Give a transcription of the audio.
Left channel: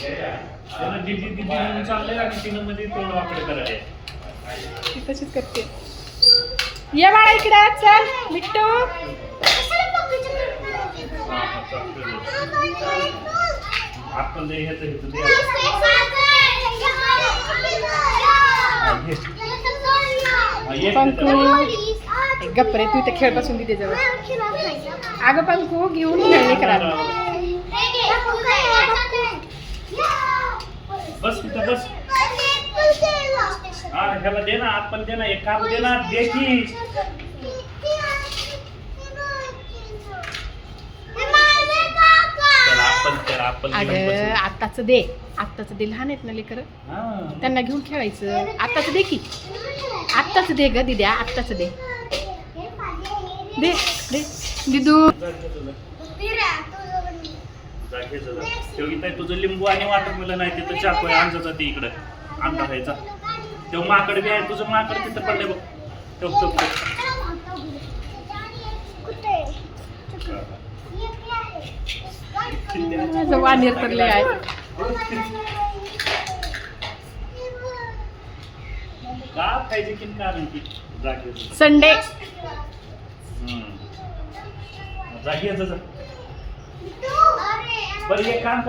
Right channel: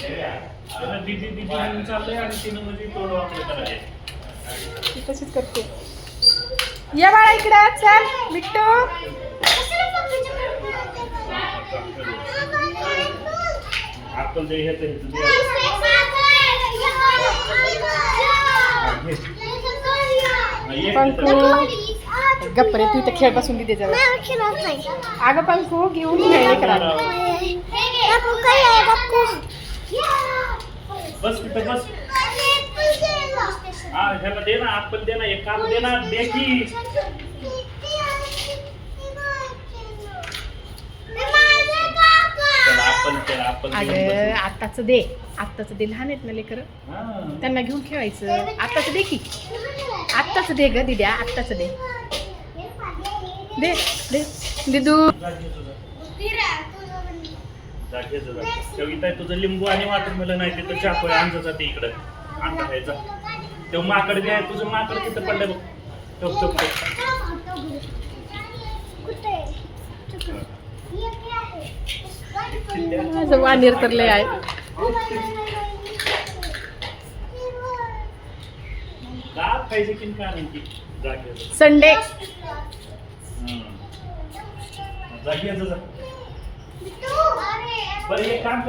त्यानं दीदी दीदी म्हणून चाललंय आणि तिनं मध्ये तोंड वाकडे करायला. ती तशीच करते. ये बाळा इकडे चल मिट्टू. आपण जे हे पंकू गप्प रे, तू इथे खेळ बसून दे जवळ. अगं पंकू घेऊन खेळले करा. बस कुठं बस. हा ह्याला दे ना, आपण दे ना, एक काम दे ना, दे की. अगं आत्ताच दे, आत्ताच दे. लहान आहेत ना लेकर, त्यांना घेऊन खेळायचं. आत्ताच दे की, आत्ताच दे ग दिद्या, आत्ताच दे. दे दे दिदू. तुझं लिंबू आणि वाटत मला नाही तिथं चाकू आहे आमचा ते इकडं आमचा खायचा. तेव्हा माकड बी आहे, तुझं माकड तिथं पडलं बघ. ठेव ठेव ठेव. माझं वानेर तर लय आहे. का खायचे की कारण की संडे जागी बरं एक काम